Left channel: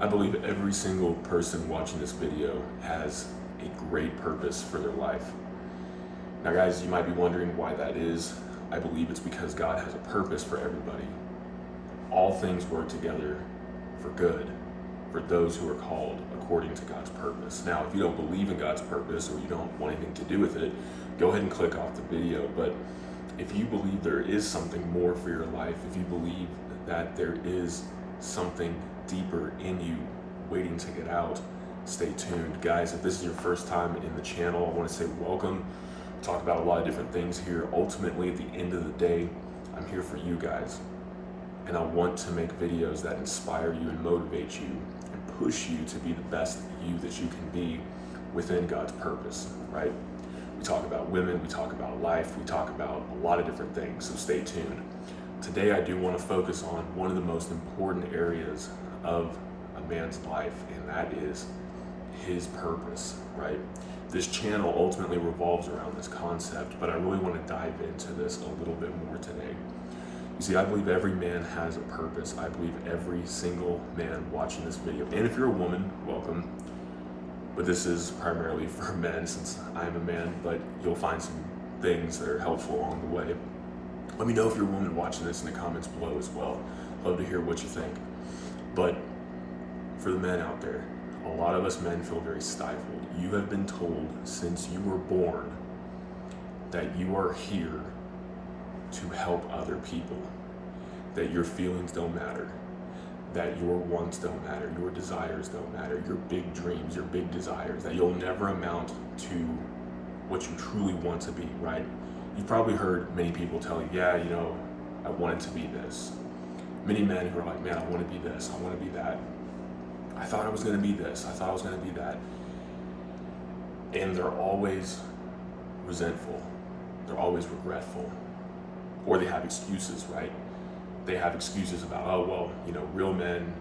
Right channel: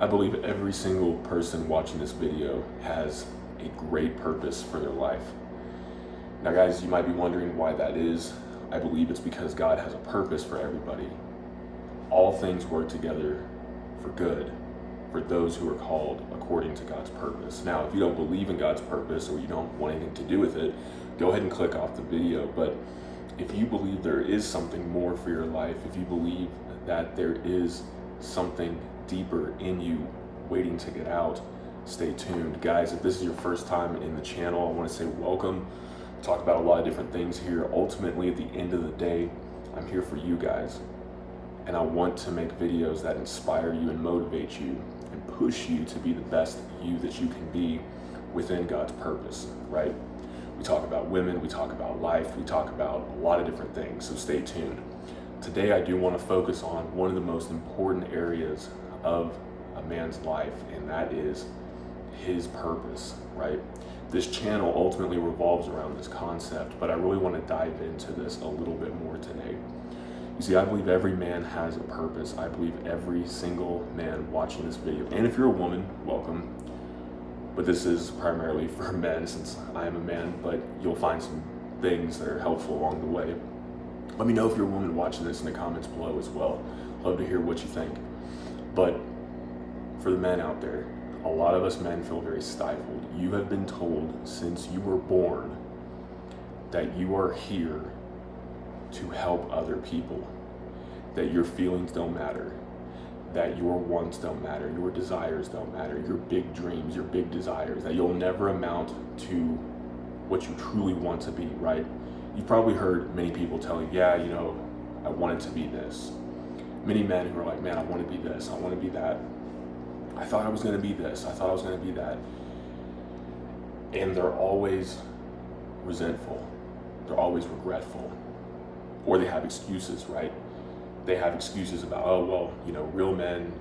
I believe every single person watching this video has a great purpose for their life. Now guys, you might be wondering why that is. I believe it's because God has a purpose for everybody. All things work together for good for those who are called according to God's purpose. Now, if you don't believe in God's purpose or you don't want anything to do with it, go ahead and click off the video. But if you believe there is something more for your life, if you believe that there is something deeper in you waiting to get out, stay tuned. Guys, if this is your first time in the channel, I want to say welcome. Talk about a lot of different things here. Ultimately, at the end of the day, I'm here for you guys. And I want to make videos that inspire you and motivate you and push you to be the best you that you can be within God's purpose, right? We talk about women, we talk about life, we talk about a lot of different things, so stay tuned. Today I do want to focus on one of the most important areas of a man's life, and that is his purpose, right? This channel ultimately revolves around this concept, but I really want to dive into this a little bit more today. You see, I believe every man has a purpose. I believe every single man watching this video, and if you're a woman, welcome. But this is primarily for men since I am a man, but you'll find some things that are helpful along the way. Let me know if you're a woman watching this in the comments below as well. Love to hear what you think. But for the men out there, a lot of us men feel very stifled. You have been told since you were born that you are here to help other people, that your feelings don't matter, that your wants don't matter, your desires don't matter, your big dreams, your big desires, that you'll never amount to what you truly want to be, right? You've probably heard many people tell you, yeah, you know, I wanted to be this. Many men who are like, man, I want to be this, I want to be that. I thought I was going to be this, I thought I was going to be that. And they're always resentful, they're always regretful. Or they have excuses, right? They have excuses about, oh, well, you know, real men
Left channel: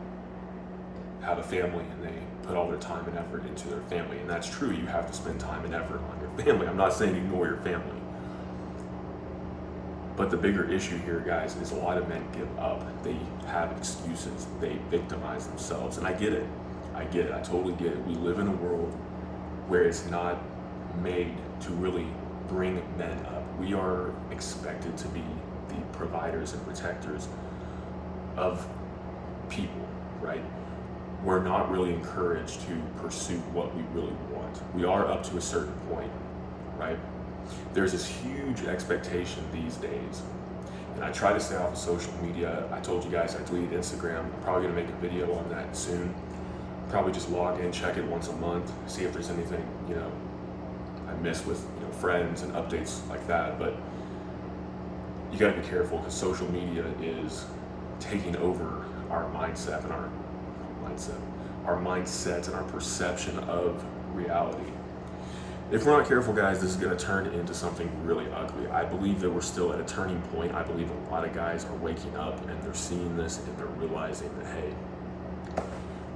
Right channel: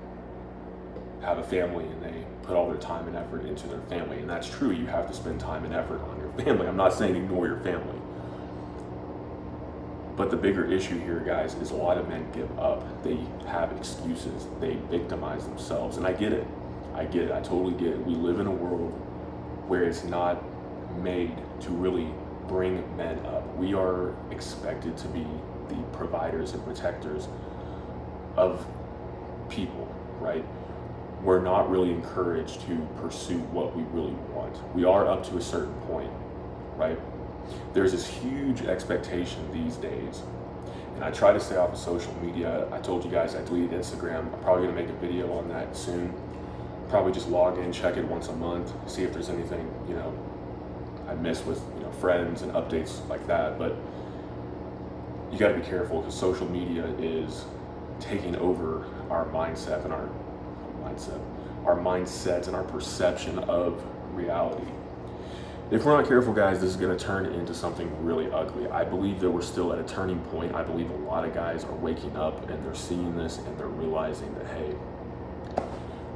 have a family and they put all their time and effort into their family. And that's true, you have to spend time and effort on your family. I'm not saying ignore your family. But the bigger issue here, guys, is a lot of men give up. They have excuses, they victimize themselves. And I get it, I totally get it. We live in a world where it's not made to really bring men up. We are expected to be the providers and protectors of people, right? We're not really encouraged to pursue what we really want. We are up to a certain point, right? There's this huge expectation these days, and I try to stay off of social media. I told you guys I deleted Instagram. I'm probably gonna make a video on that soon. Probably just log in, check it once a month, see if there's anything, you know, I miss with, you know, friends and updates like that. But you got to be careful because social media is taking over our mindset and our mindsets and our perception of reality. If we're not careful, guys, this is going to turn into something really ugly. I believe that we're still at a turning point. I believe a lot of guys are waking up and they're seeing this and they're realizing that, hey,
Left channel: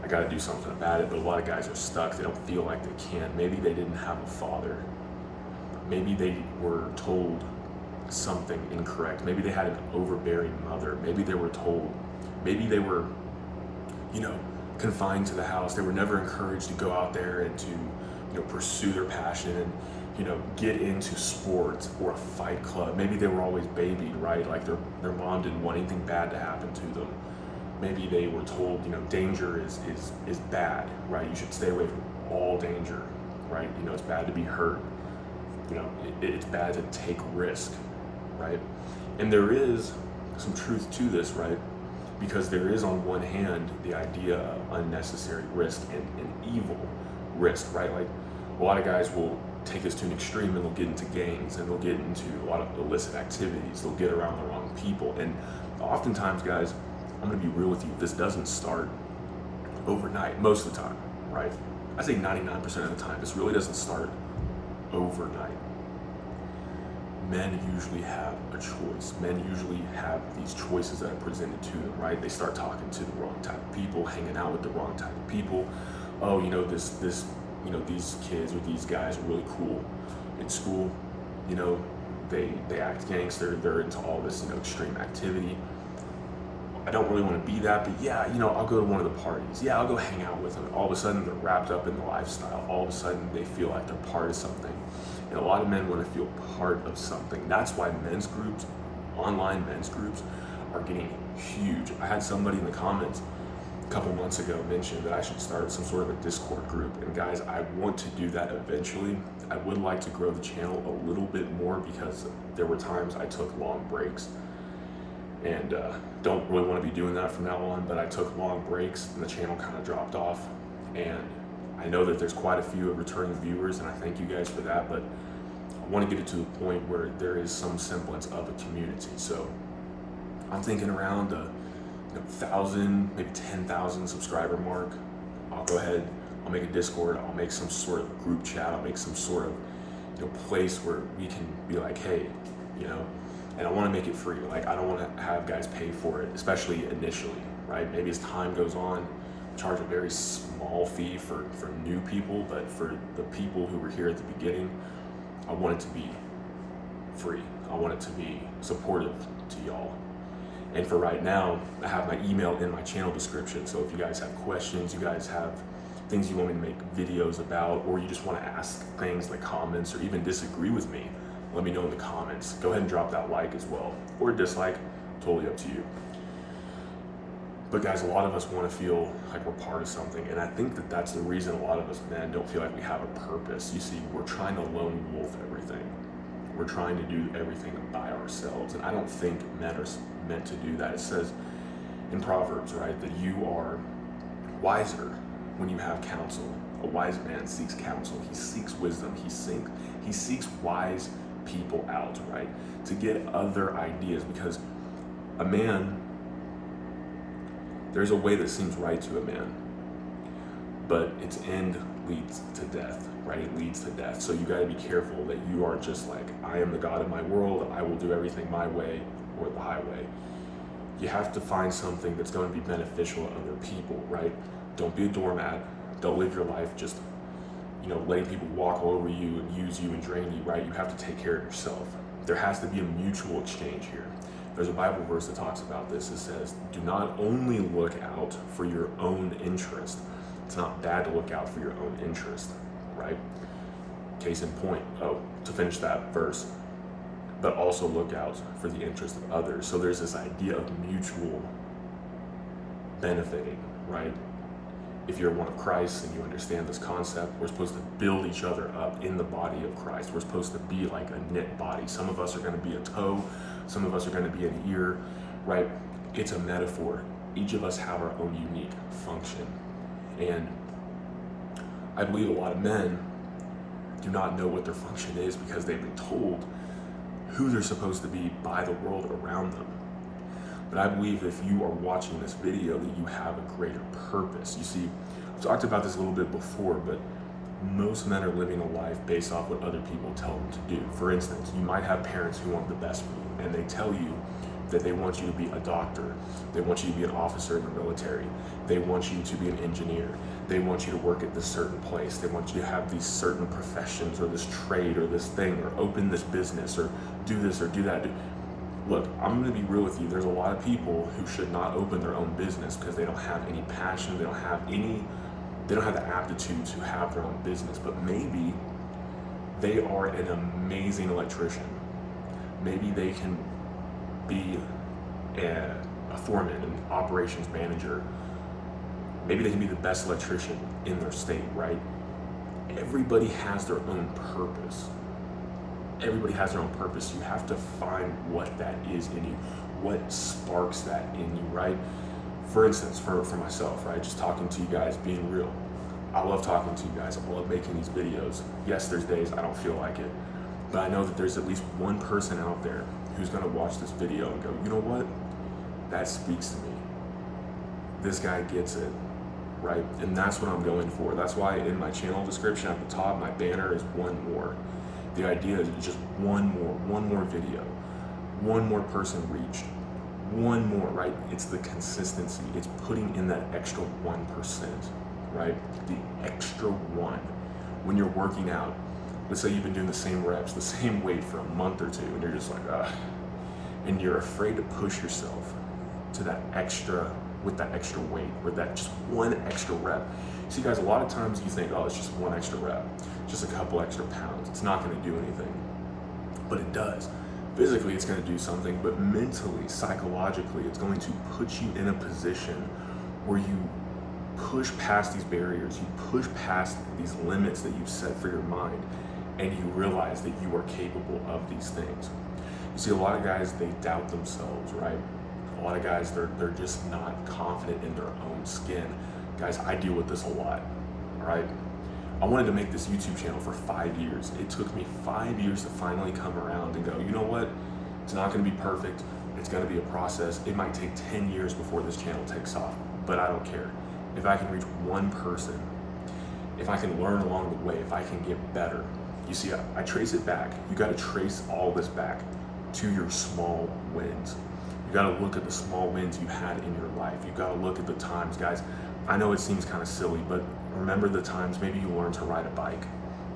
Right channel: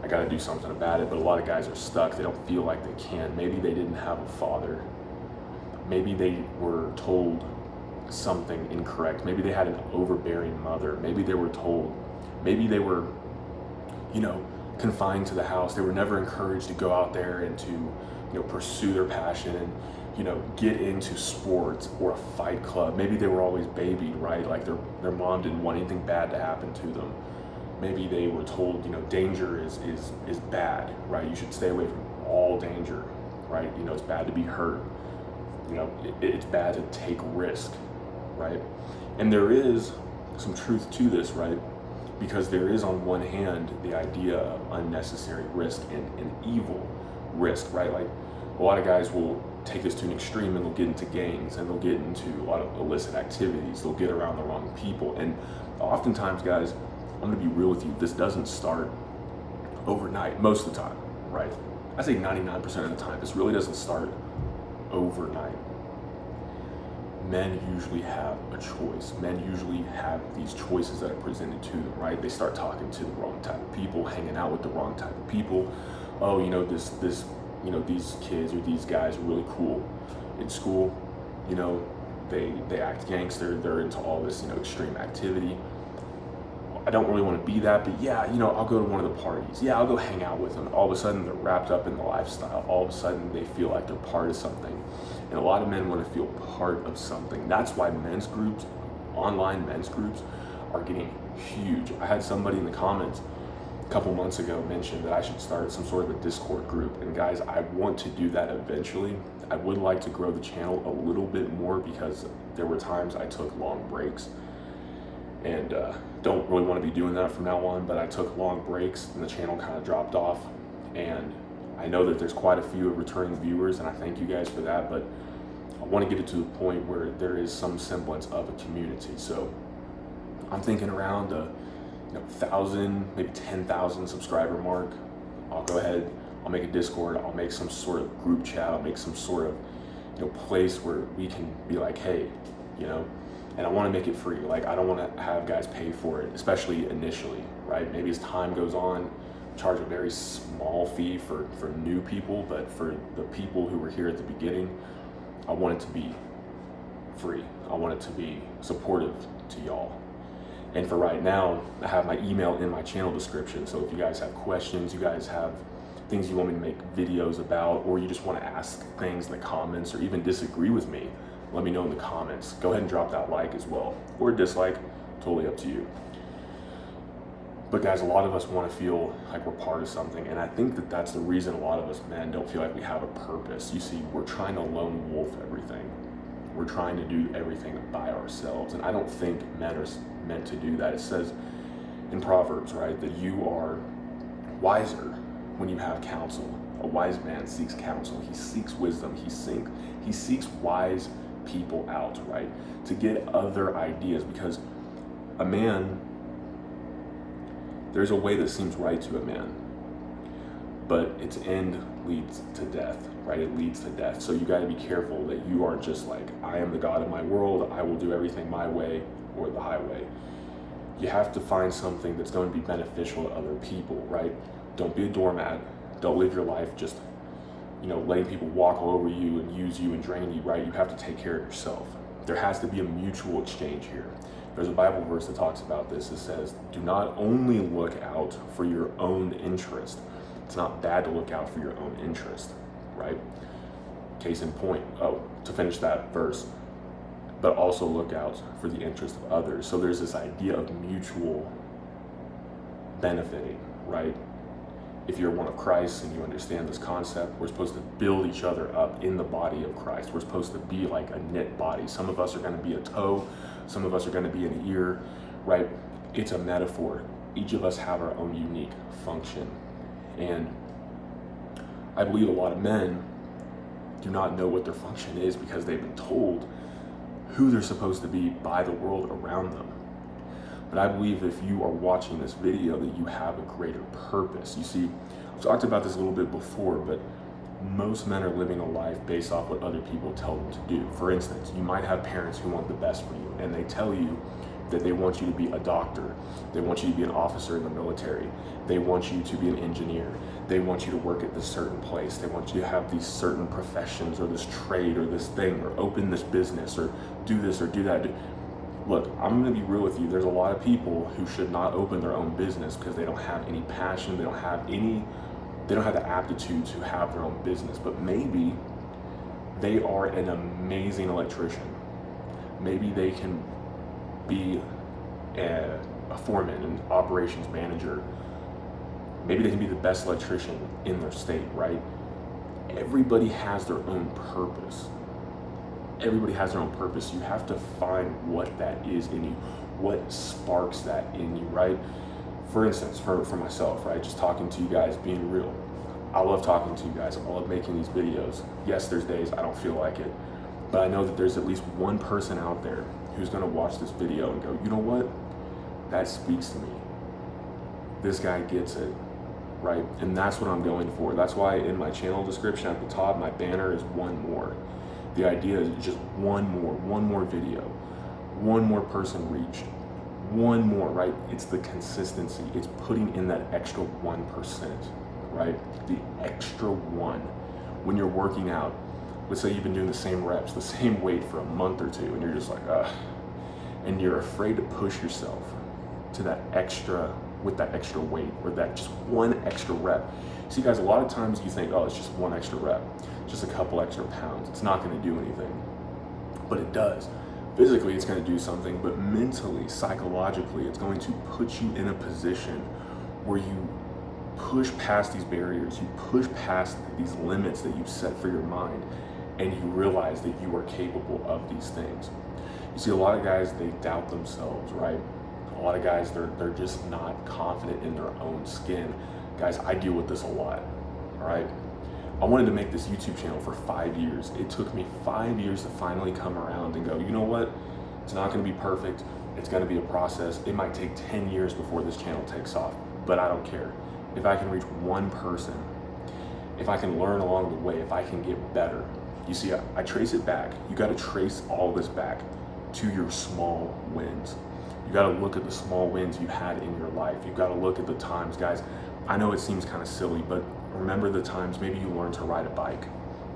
I got to do something about it. But a lot of guys are stuck. They don't feel like they can. Maybe they didn't have a father. Maybe they were told something incorrect. Maybe they had an overbearing mother. Maybe they were told, maybe they were, you know, confined to the house. They were never encouraged to go out there and to, you know, pursue their passion and, you know, get into sports or a fight club. Maybe they were always babied, right? Like their mom didn't want anything bad to happen to them. Maybe they were told, you know, danger is bad, right? You should stay away from all danger, right? You know, it's bad to be hurt. You know, it's bad to take risk, right? And there is some truth to this, right? Because there is, on one hand, the idea of unnecessary risk and evil risk, right? Like a lot of guys will take this to an extreme and they'll get into gangs and they'll get into a lot of illicit activities. They'll get around the wrong people. And oftentimes, guys, I'm gonna be real with you, this doesn't start overnight, most of the time, right? I say 99% of the time, this really doesn't start overnight. Men usually have a choice. Men usually have these choices that are presented to them, right? They start talking to the wrong type of people, hanging out with the wrong type of people. Oh, you know, this, you know, these kids or these guys are really cool in school. You know, they act gangster. They're into all this, you know, extreme activity. I don't really want to be that, but yeah, I'll go to one of the parties. Yeah, I'll go hang out with them. All of a sudden, they're wrapped up in the lifestyle. All of a sudden, they feel like they're part of something. And a lot of men want to feel part of something. That's why men's groups, online men's groups, are getting huge. I had somebody in the comments a couple months ago mention that I should start some sort of a Discord group. And guys, I want to do that eventually. I would like to grow the channel a little bit more because there were times I took long breaks and don't really want to be doing that from now on, but I took long breaks and the channel kind of dropped off. And I know that there's quite a few returning viewers, and I thank you guys for that, but I want to get it to the point where there is some semblance of a community. So I'm thinking around the 1,000, maybe 10,000 subscriber mark. I'll go ahead, I'll make a Discord, I'll make some sort of group chat, I'll make some sort of place where we can be like, hey, and I want to make it free. Like, I don't want to have guys pay for it, especially initially, right? Maybe as time goes on, charge a very small fee for new people, but for the people who were here at the beginning, I want it to be free. I want it to be supportive to y'all. And for right now, I have my email in my channel description. So if you guys have questions, you guys have things you want me to make videos about, or you just want to ask things in the comments or even disagree with me, let me know in the comments. Go ahead and drop that like as well, or dislike, totally up to you. But guys, a lot of us want to feel like we're part of something, and I think that that's the reason a lot of us men don't feel like we have a purpose. You see, we're trying to lone wolf everything. We're trying to do everything by ourselves, and I don't think men are meant to do that. It says in Proverbs, right, that you are wiser when you have counsel. A wise man seeks counsel. He seeks wisdom. He seeks wise people out, right, to get other ideas, because a man, there's a way that seems right to a man, but its end leads to death, right? It leads to death. So you got to be careful that you aren't just like, I am the God of my world, I will do everything my way or the highway. You have to find something that's going to be beneficial to other people, right? Don't be a doormat. Don't live your life just letting people walk all over you and use you and drain you, right? You have to take care of yourself. There has to be a mutual exchange here. There's a Bible verse that talks about this. It says, do not only look out for your own interest. It's not bad to look out for your own interest, right? Case in point, to finish that verse, but also look out for the interest of others. So there's this idea of mutual benefiting, right? If you're one of Christ and you understand this concept, we're supposed to build each other up in the body of Christ. We're supposed to be like a knit body. Some of us are going to be a toe, some of us are going to be an ear, right? It's a metaphor. Each of us have our own unique function. And I believe a lot of men do not know what their function is because they've been told who they're supposed to be by the world around them. But I believe if you are watching this video that you have a greater purpose. You see, I've talked about this a little bit before, but most men are living a life based off what other people tell them to do. For instance, you might have parents who want the best for you, and they tell you that they want you to be a doctor, they want you to be an officer in the military, they want you to be an engineer, they want you to work at this certain place, they want you to have these certain professions or this trade or this thing or open this business or do this or do that. Look, I'm going to be real with you. There's a lot of people who should not open their own business because they don't have any passion, they don't have the aptitude to have their own business, but maybe they are an amazing electrician. Maybe they can be a foreman, an operations manager. Maybe they can be the best electrician in their state, right? Everybody has their own purpose. Everybody has their own purpose. You have to find what that is in you, what sparks that in you, right? For instance, for myself, right? Just talking to you guys, being real. I love talking to you guys. I love making these videos. Yes, there's days I don't feel like it, but I know that there's at least one person out there who's gonna watch this video and go, you know what? That speaks to me. This guy gets it, right? And that's what I'm going for. That's why in my channel description at the top, my banner is one more. The idea is just one more video, one more person reached, one more, right? It's the consistency. It's putting in that extra 1%, right? The extra one. When you're working out, let's say you've been doing the same reps, the same weight for a month or two, and you're just like, and you're afraid to push yourself into that extra with that extra weight, or that just one extra rep. See guys, a lot of times you think, oh, it's just one extra rep, just a couple extra pounds, it's not going to do anything. But it does. Physically it's going to do something, but mentally, psychologically, it's going to put you in a position where you push past these barriers, you push past these limits that you've set for your mind, and you realize that you are capable of these things. You see, a lot of guys, they doubt themselves, right? A lot of guys, they're just not confident in their own skin. Guys, I deal with this a lot, all right? I wanted to make this YouTube channel for 5 years. It took me 5 years to finally come around and go, you know what? It's not gonna be perfect. It's gonna be a process. It might take 10 years before this channel takes off, but I don't care. If I can reach one person, if I can learn along the way, if I can get better. You see, I trace it back. You gotta trace all this back to your small wins. You gotta look at the small wins you had in your life. You gotta look at the times, guys. I know it seems kind of silly, but remember the times maybe you learned to ride a bike,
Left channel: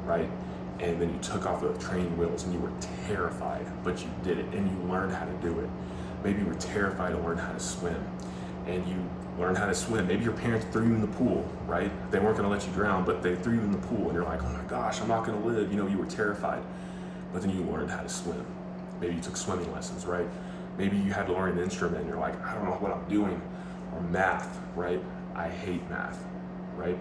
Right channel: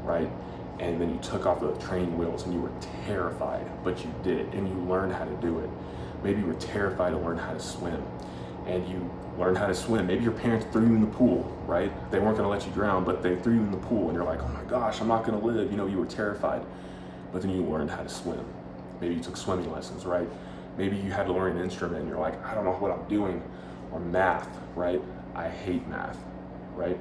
right? And then you took off the training wheels and you were terrified, but you did it and you learned how to do it. Maybe you were terrified to learn how to swim and you learned how to swim. Maybe your parents threw you in the pool, right? They weren't gonna let you drown, but they threw you in the pool and you're like, oh my gosh, I'm not gonna live. You know, you were terrified, but then you learned how to swim. Maybe you took swimming lessons, right? Maybe you had to learn an instrument and you're like, I don't know what I'm doing. Or math, right? I hate math, right?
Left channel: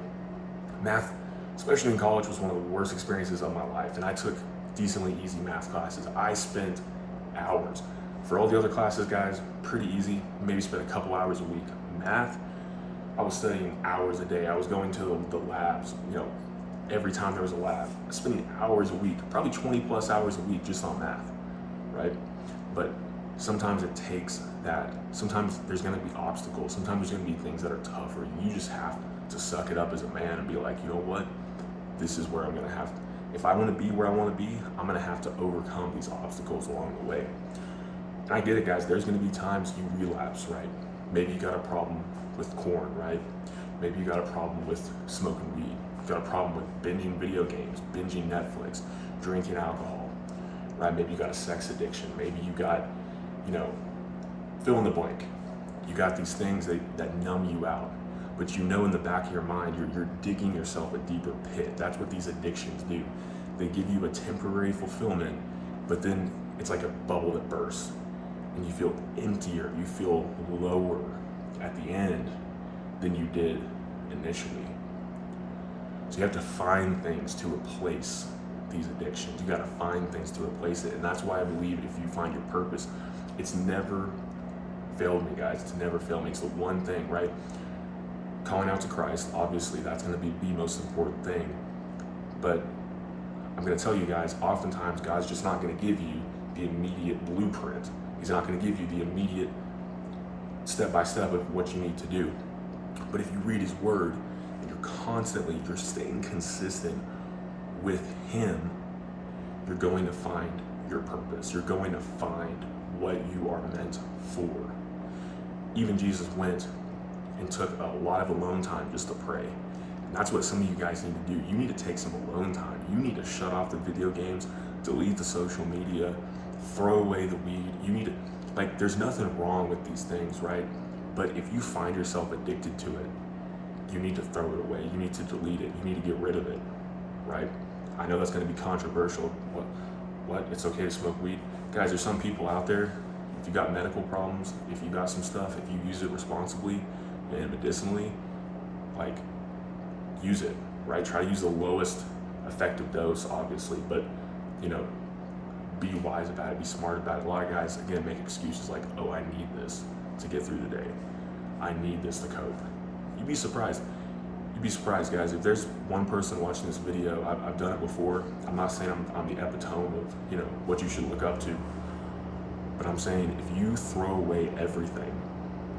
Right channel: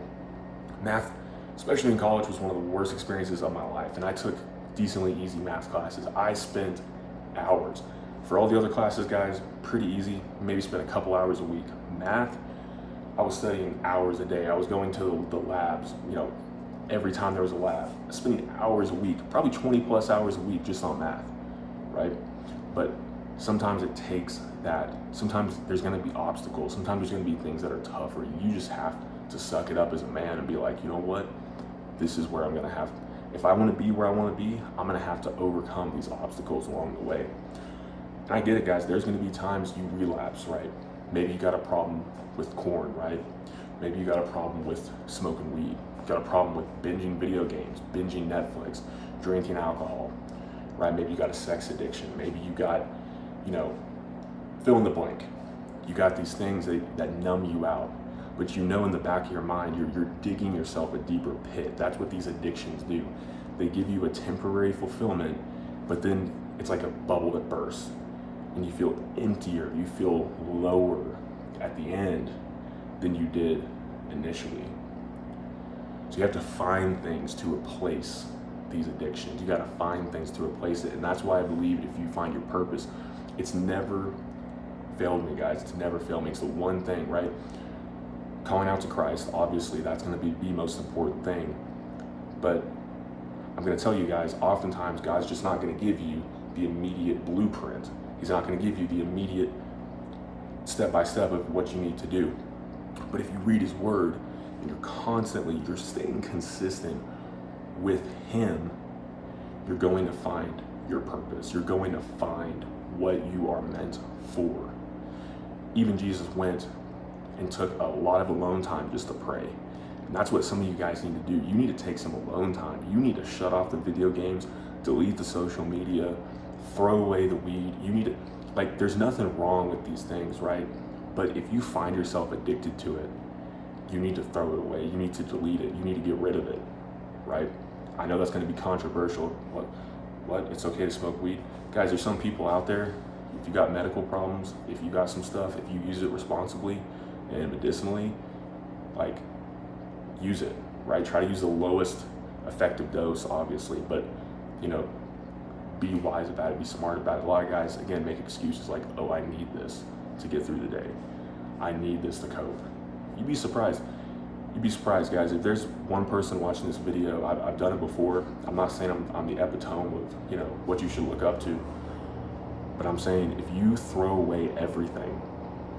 Math, especially in college, was one of the worst experiences of my life. And I took decently easy math classes. I spent hours. For all the other classes, guys, pretty easy. Maybe spent a couple hours a week. Math, I was studying hours a day. I was going to the labs, you know, every time there was a lab. I was spending hours a week, probably 20 plus hours a week just on math, right? But sometimes it takes that. Sometimes there's gonna be obstacles. Sometimes there's gonna be things that are tougher. You just have to suck it up as a man and be like, you know what? This is where I'm gonna have, if I wanna be where I wanna be, I'm gonna have to overcome these obstacles along the way. And I get it, guys. There's gonna be times you relapse, right? Maybe you got a problem with corn, right? Maybe you got a problem with smoking weed. You got a problem with binging video games, binging Netflix, drinking alcohol, right? Maybe you got a sex addiction. Maybe you got, you know, fill in the blank. You got these things that numb you out, but you know in the back of your mind, you're digging yourself a deeper pit. That's what these addictions do. They give you a temporary fulfillment, but then it's like a bubble that bursts and you feel emptier, you feel lower at the end than you did initially. So you have to find things to replace these addictions. You gotta find things to replace it. And that's why I believe if you find your purpose, it's never failed me, guys. It's never failed me. It's the one thing, right? Calling out to Christ, obviously that's gonna be the most important thing. But I'm gonna tell you guys, oftentimes God's just not gonna give you the immediate blueprint. He's not gonna give you the immediate step-by-step of what you need to do. But if you read his word and you're staying consistent with him, you're going to find your purpose. You're going to find what you are meant for. Even Jesus went and took a lot of alone time just to pray. And that's what some of you guys need to do. You need to take some alone time. You need to shut off the video games, delete the social media, throw away the weed. You need to, like, there's nothing wrong with these things, right? But if you find yourself addicted to it, you need to throw it away. You need to delete it. You need to get rid of it, right? I know that's going to be controversial. What? It's okay to smoke weed? Guys, there's some people out there, if you got medical problems, if you got some stuff, if you use it responsibly and medicinally, like, use it, right? Try to use the lowest effective dose, obviously, but, you know, be wise about it, be smart about it. A lot of guys, again, make excuses like, oh, I need this to get through the day. I need this to cope. You'd be surprised. You'd be surprised, guys. If there's one person watching this video, I've done it before. I'm not saying I'm the epitome of, you know, what you should look up to, but I'm saying if you throw away everything,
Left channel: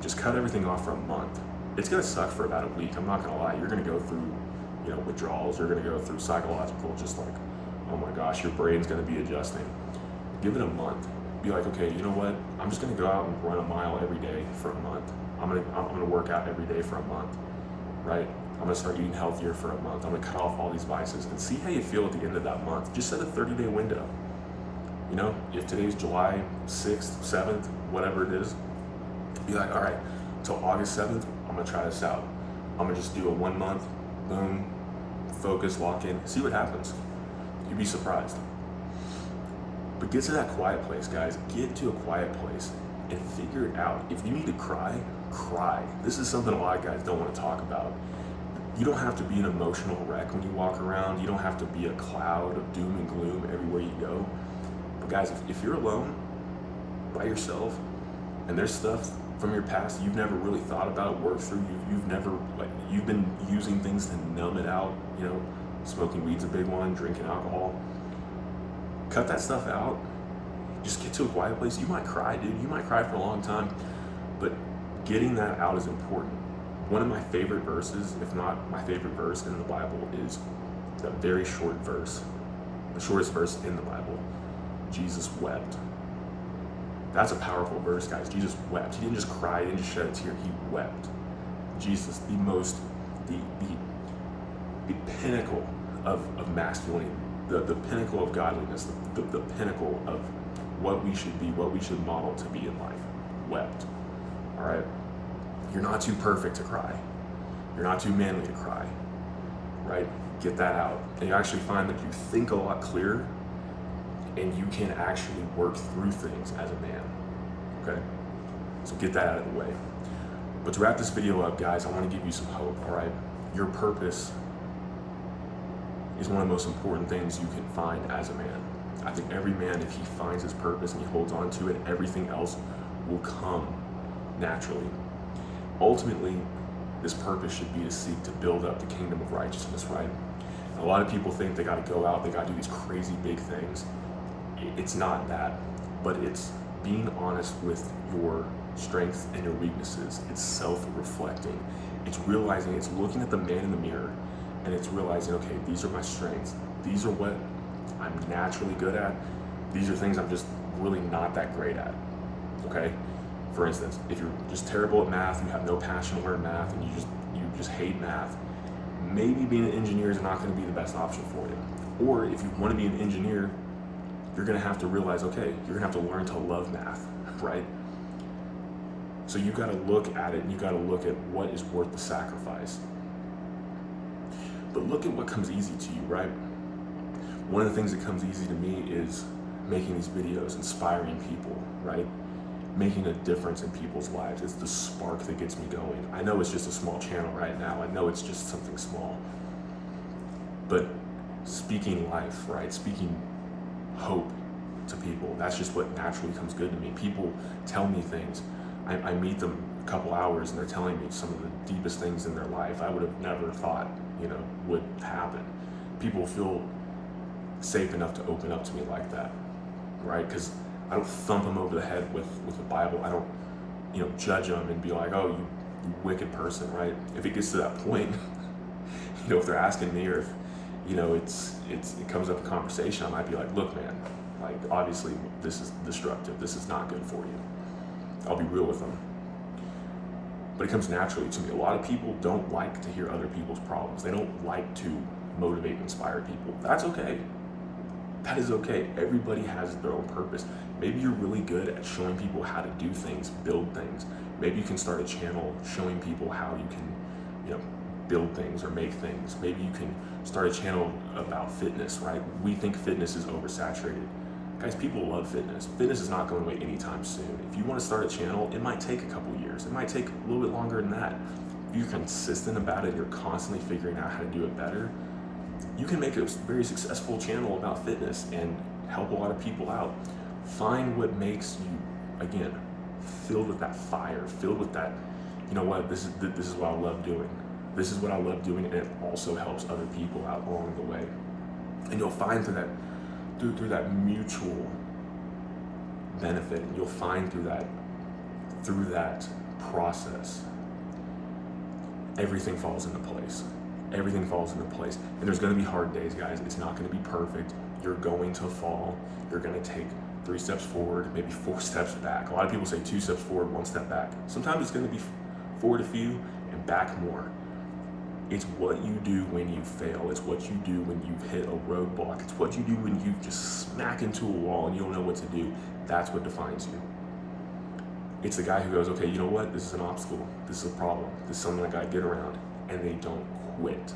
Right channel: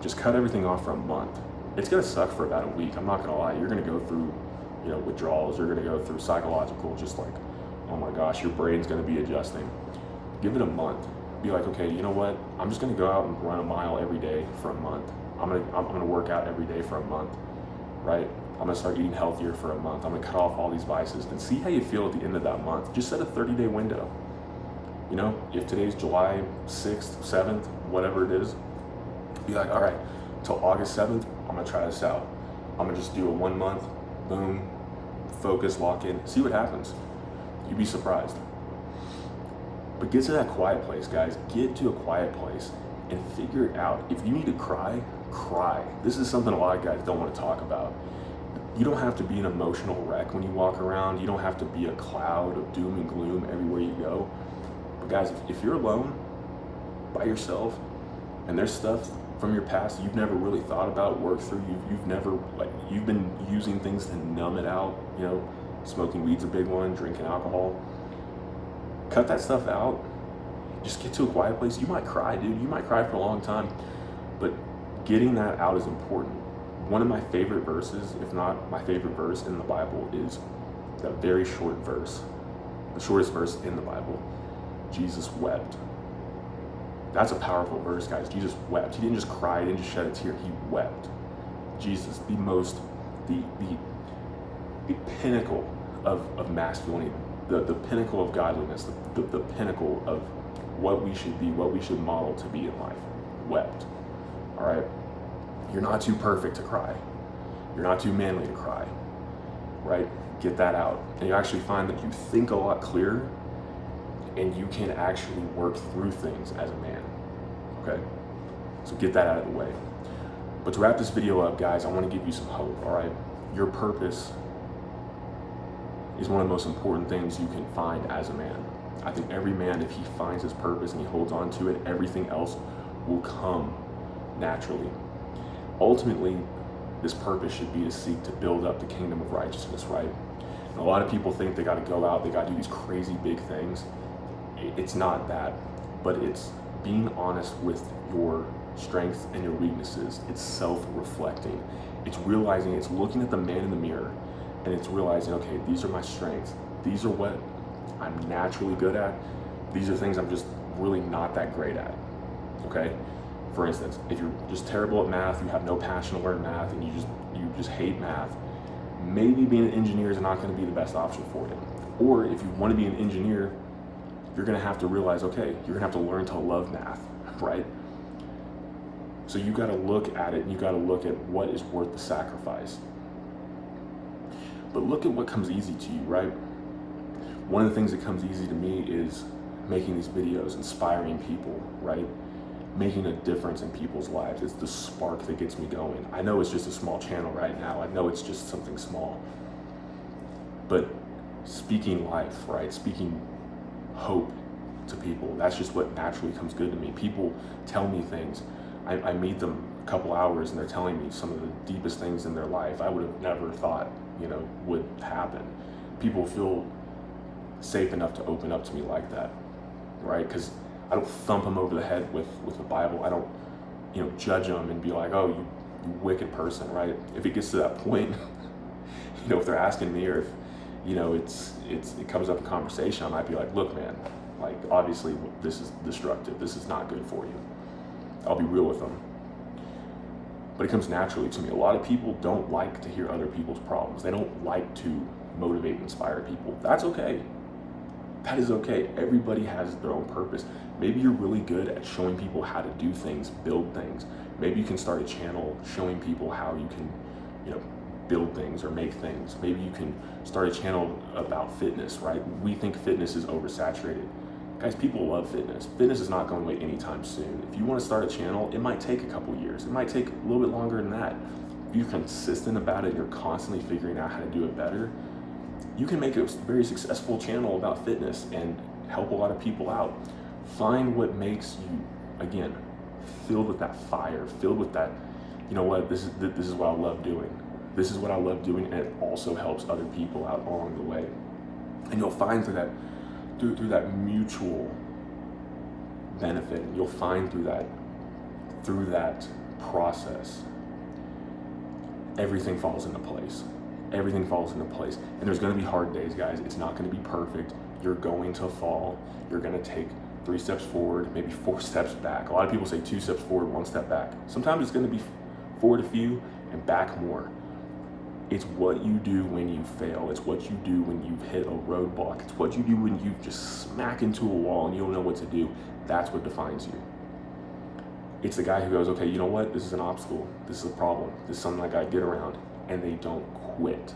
just cut everything off for a month. It's gonna suck for about a week. I'm not gonna lie. You're gonna go through, you know, withdrawals. You're gonna go through psychological, just like, oh my gosh, your brain's gonna be adjusting. Give it a month. Be like, okay, you know what? I'm just gonna go out and run a mile every day for a month. I'm gonna work out every day for a month, right? I'm gonna start eating healthier for a month. I'm gonna cut off all these vices and see how you feel at the end of that month. Just set a 30-day window. You know, if today's July 6th, 7th, whatever it is, Be like, all right, until August 7th, I'm gonna try this out. I'm gonna just do a 1 month, boom, focus, lock in, see what happens. You'd be surprised. But get to that quiet place, guys. Get to a quiet place and figure it out. If you need to cry, cry. This is something a lot of guys don't want to talk about. You don't have to be an emotional wreck when you walk around. You don't have to be a cloud of doom and gloom everywhere you go. But guys, if you're alone, by yourself, and there's stuff from your past you've never really thought about, worked through, you've been using things to numb it out, smoking weed's a big one, drinking alcohol. Cut that stuff out. Just get to a quiet place. You might cry, dude. You might cry for a long time, but getting that out is important. One of my favorite verses, if not my favorite verse in the Bible, is that very short verse, the shortest verse in the Bible. Jesus wept. That's a powerful verse, guys. Jesus wept. He didn't just cry, he didn't just shed a tear, he wept. Jesus, the pinnacle of masculinity, the pinnacle of godliness, the pinnacle of what we should be, what we should model to be in life, wept. All right? You're not too perfect to cry. You're not too manly to cry, right? Get that out. And you actually find that you think a lot clearer and you can actually work through things as a man, okay? So get that out of the way. But to wrap this video up, guys, I want to give you some hope, all right? Your purpose is one of the most important things you can find as a man. I think every man, if he finds his purpose and he holds on to it, everything else will come naturally. Ultimately, this purpose should be to seek to build up the kingdom of righteousness, right? And a lot of people think they got to go out, they got to do these crazy big things. It's not that, but it's being honest with your strengths and your weaknesses. It's self-reflecting. It's realizing, it's looking at the man in the mirror, and it's realizing, okay, these are my strengths. These are what I'm naturally good at. These are things I'm just really not that great at, okay? For instance, if you're just terrible at math, you have no passion to learn math, and you just hate math, maybe being an engineer is not going to be the best option for you. Or if you want to be an engineer, you're going to have to realize, okay, you're going to have to learn to love math, right? So you got to look at it, and you got to look at what is worth the sacrifice. But look at what comes easy to you, right? One of the things that comes easy to me is making these videos, inspiring people, right? Making a difference in people's lives. It's the spark that gets me going. I know it's just a small channel right now. I know it's just something small. But speaking life, right? Speaking hope to people, that's just what naturally comes good to me. People tell me things. I meet them a couple hours and they're telling me some of the deepest things in their life I would have never thought, would happen. People feel safe enough to open up to me like that, right? Because I don't thump them over the head with the Bible. I don't, judge them and be like, oh, you wicked person, right? If it gets to that point, if they're asking me, or if, it comes up in conversation, I might be like, look, man, like, obviously this is destructive. This is not good for you. I'll be real with them. But it comes naturally to me. A lot of people don't like to hear other people's problems. They don't like to motivate and inspire people. That's okay. That is okay. Everybody has their own purpose. Maybe you're really good at showing people how to do things, build things. Maybe you can start a channel showing people how you can, build things or make things. Maybe you can start a channel about fitness, right? We think fitness is oversaturated. Guys, people love fitness. Fitness is not going away anytime soon. If you want to start a channel, it might take a couple years. It might take a little bit longer than that. If you're consistent about it, you're constantly figuring out how to do it better, you can make a very successful channel about fitness and help a lot of people out. Find what makes you, again, filled with that fire, filled with that, this is what I love doing. This is what I love doing, and it also helps other people out along the way. And you'll find through that mutual benefit, and you'll find through that process, everything falls into place. Everything falls into place. And there's going to be hard days, guys. It's not going to be perfect. You're going to fall. You're going to take 3 steps forward, maybe 4 steps back. A lot of people say 2 steps forward, 1 step back. Sometimes it's going to be forward a few and back more. It's what you do when you fail. It's what you do when you've hit a roadblock. It's what you do when you just smack into a wall and you don't know what to do. That's what defines you. It's the guy who goes, okay, you know what? This is an obstacle. This is a problem. This is something I gotta get around. And they don't quit.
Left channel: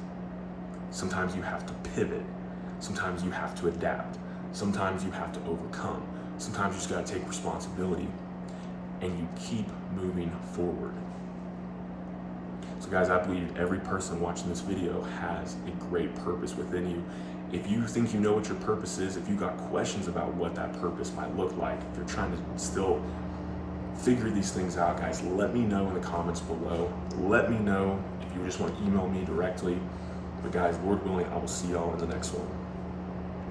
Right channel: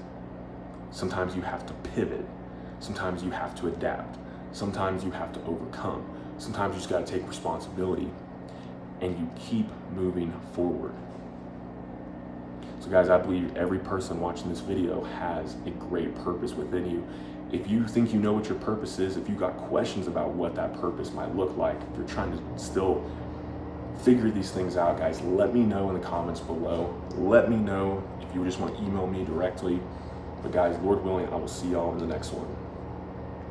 Sometimes you have to pivot. Sometimes you have to adapt. Sometimes you have to overcome. Sometimes you just gotta take responsibility and you keep moving forward. So guys, I believe every person watching this video has a great purpose within you. If you think you know what your purpose is, if you got questions about what that purpose might look like, if you're trying to still figure these things out, guys, let me know in the comments below. Let me know if you just want to email me directly. But guys, Lord willing, I will see y'all in the next one.